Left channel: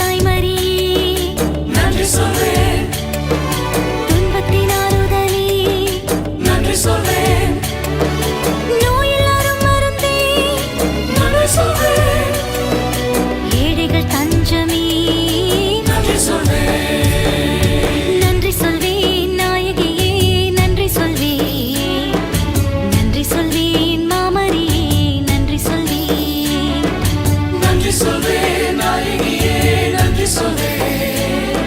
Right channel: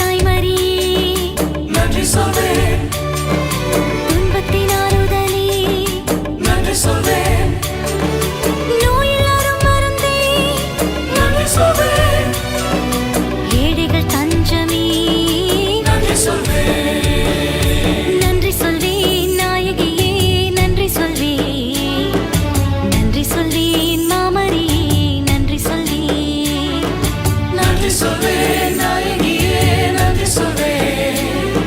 தாய்மரி நன்றி சொல்வேன், துன்பத்தின் ஆறுதலி நன்றி சொல்வேன், நோயில்லாரும் மருந்தே நன்றி சொல்வேன், ஏழைகள் தஞ்சமே நன்றி சொல்வேன், நன்றி சொல்வேன் நாயகியே நன்றி சொல்வேன், நன்றி சொல்வேன் மாமரியே நன்றி சொல்வேன், நன்றி சொல்வேன் நாயகியே நன்றி சொல்வேன்,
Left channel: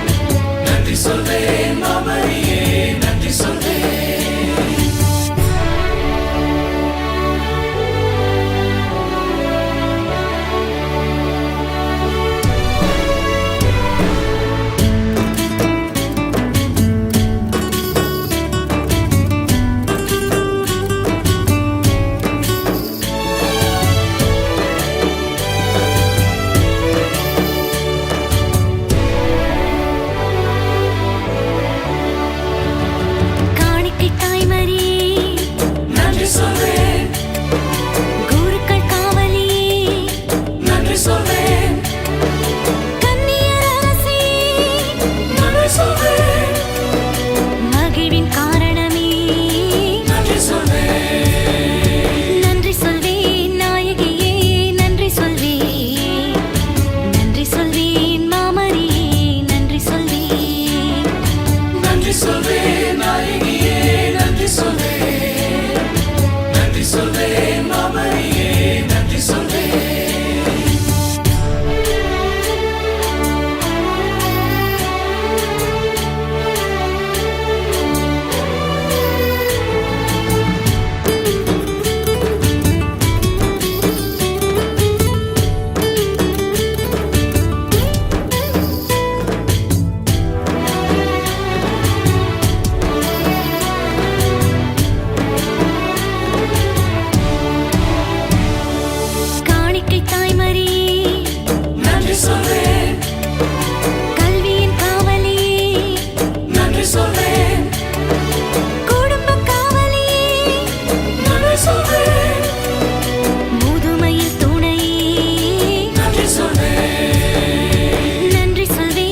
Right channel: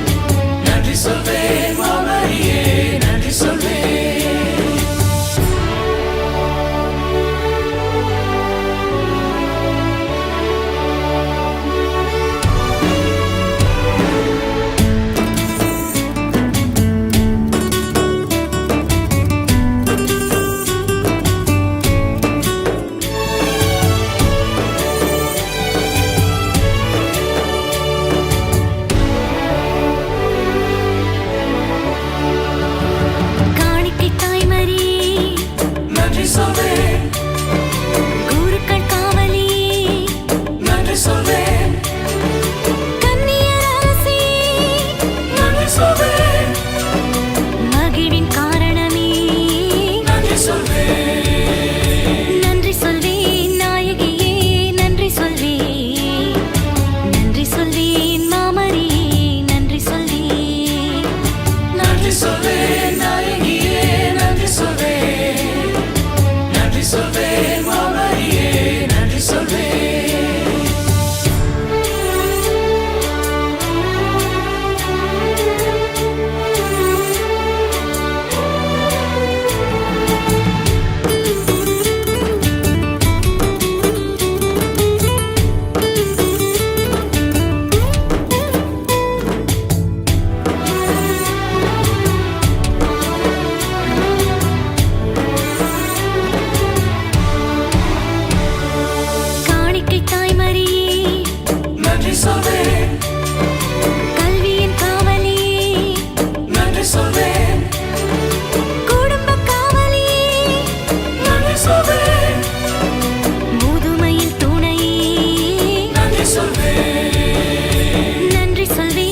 நன்றி சொல்வேன் மாமரியே நன்றி சொல்வேன். தாய்மரி நன்றி சொல்வேன், குருக்கள் காவலி நன்றி சொல்வேன், கன்னியர் அரசி நன்றி சொல்வேன், மகிழ்வின் காரணமே நன்றி சொல்வேன், நன்றி சொல்வேன் நாயகியே நன்றி சொல்வேன், நன்றி சொல்வேன் மாமரியே நன்றி சொல்வேன், நன்றி சொல்வேன் நாயகியே நன்றி சொல்வேன், நன்றி சொல்வேன் மாமரியே நன்றி சொல்வேன். தாய்மரி நன்றி சொல்வேன், கல்வியின் காவலி நன்றி சொல்வேன், குடும்ப காவலி நன்றி சொல்வேன், முதுமையில் துணை நன்றி சொல்வேன், நன்றி சொல்வேன்